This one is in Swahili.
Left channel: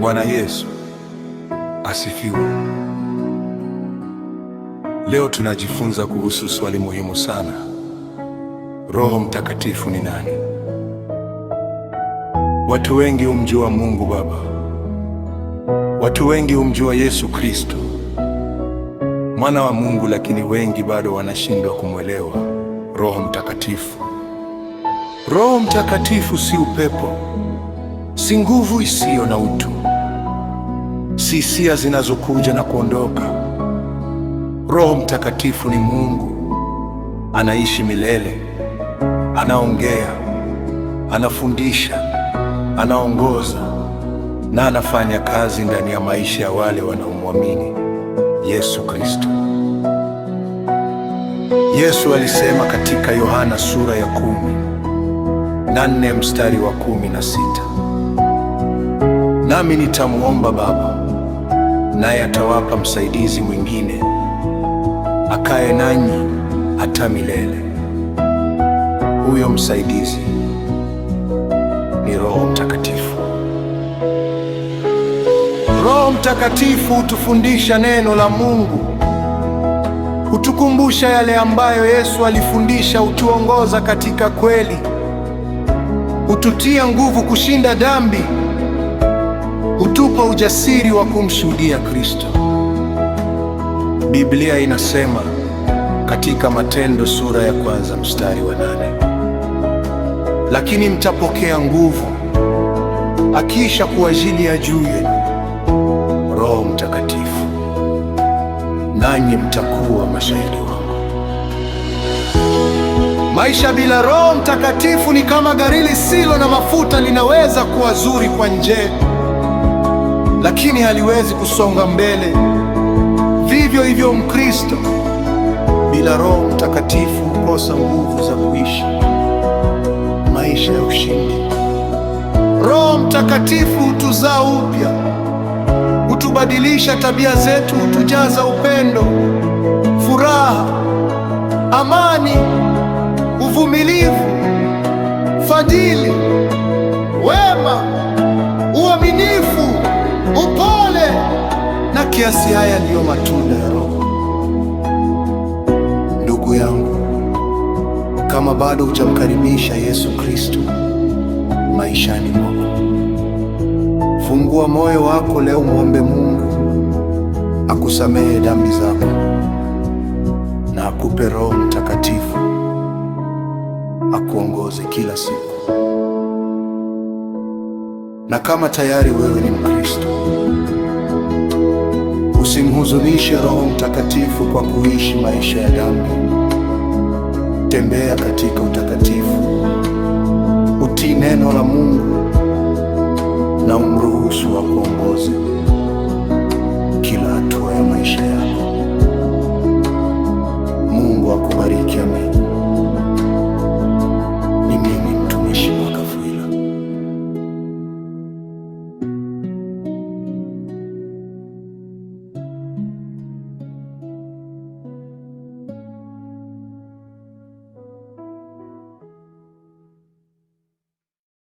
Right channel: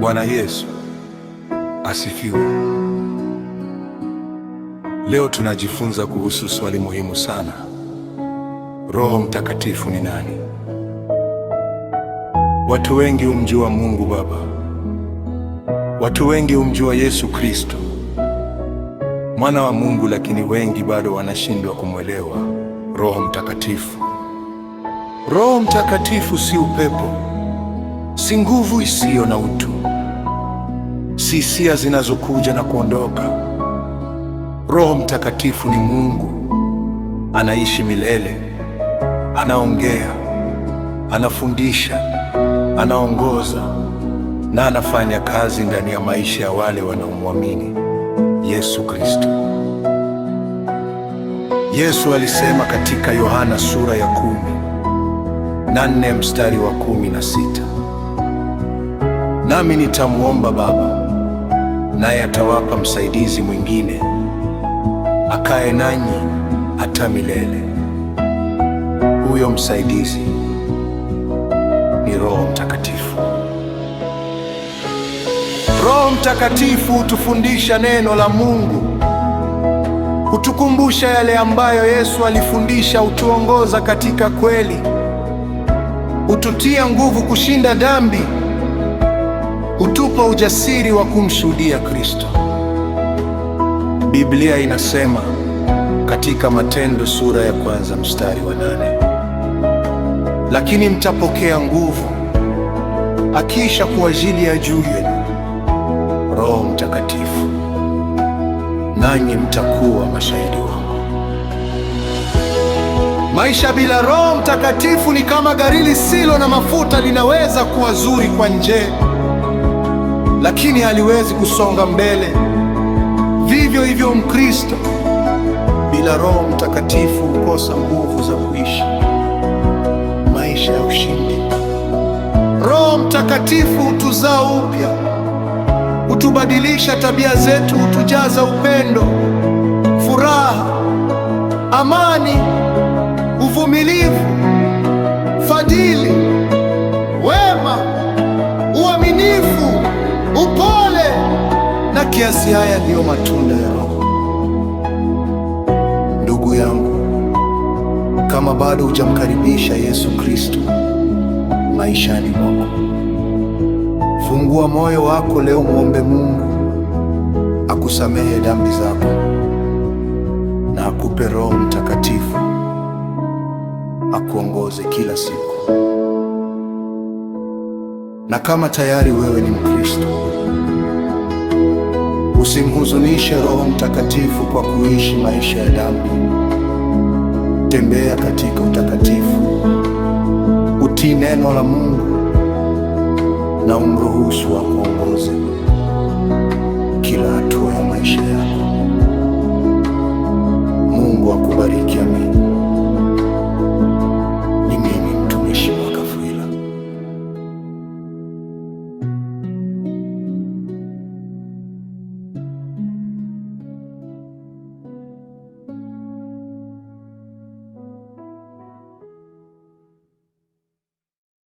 Bwana Yesu asifiwe. Leo tunajifunza kuhusu swali muhimu sana. Roho Mtakatifu ni nani? Watu wengi humjua Mungu Baba. Watu wengi humjua Yesu Kristo, Mwana wa Mungu, lakini wengi bado wanashindwa kumwelewa Roho Mtakatifu. Roho Mtakatifu si upepo, si nguvu isiyo na utu, si hisia zinazokuja na kuondoka. Roho Mtakatifu ni Mungu, anaishi milele, anaongea, anafundisha, anaongoza na anafanya kazi ndani ya maisha ya wale wanaomwamini Yesu Kristo. Yesu alisema katika Yohana sura ya 14 mstari wa 16, nami nitamwomba Baba, naye atawapa msaidizi mwingine akae nanyi hata milele. Huyo msaidizi ni Roho Mtakatifu. Roho Mtakatifu hutufundisha neno la Mungu, hutukumbusha yale ambayo Yesu alifundisha, hutuongoza katika kweli, hututia nguvu kushinda dhambi, hutupa ujasiri wa kumshuhudia Kristo. Biblia inasema katika Matendo sura ya 1 mstari wa 8, lakini mtapokea nguvu akiisha kuwajilia juu yenu Roho Mtakatifu, nanyi mtakuwa mashahidi wangu. Maisha bila Roho Mtakatifu ni kama gari lisilo na mafuta. Linaweza kuwa zuri kwa nje, lakini haliwezi kusonga mbele. Vivyo hivyo Mkristo bila Roho Mtakatifu hukosa nguvu za kuishi maisha ya ushindi. Roho Mtakatifu hutuzaa upya, hutubadilisha tabia zetu, hutujaza upendo, furaha, amani, uvumilivu, fadhili, wema, uaminifu, upole na kiasi. Haya ndiyo matunda ya Roho. Ndugu yangu, kama bado hujamkaribisha Yesu Kristo maishani mwako, fungua moyo wako leo, muombe Mungu akusamehe dhambi zako na akupe Roho Mtakatifu akuongoze kila siku. Na kama tayari wewe ni Mkristo, usimhuzunishe Roho Mtakatifu kwa kuishi maisha ya dhambi. Tembea katika utakatifu, utii neno la Mungu na umruhusu akuongoze kila hatua ya maisha yako. Mungu akubariki. Amini. Ni mimi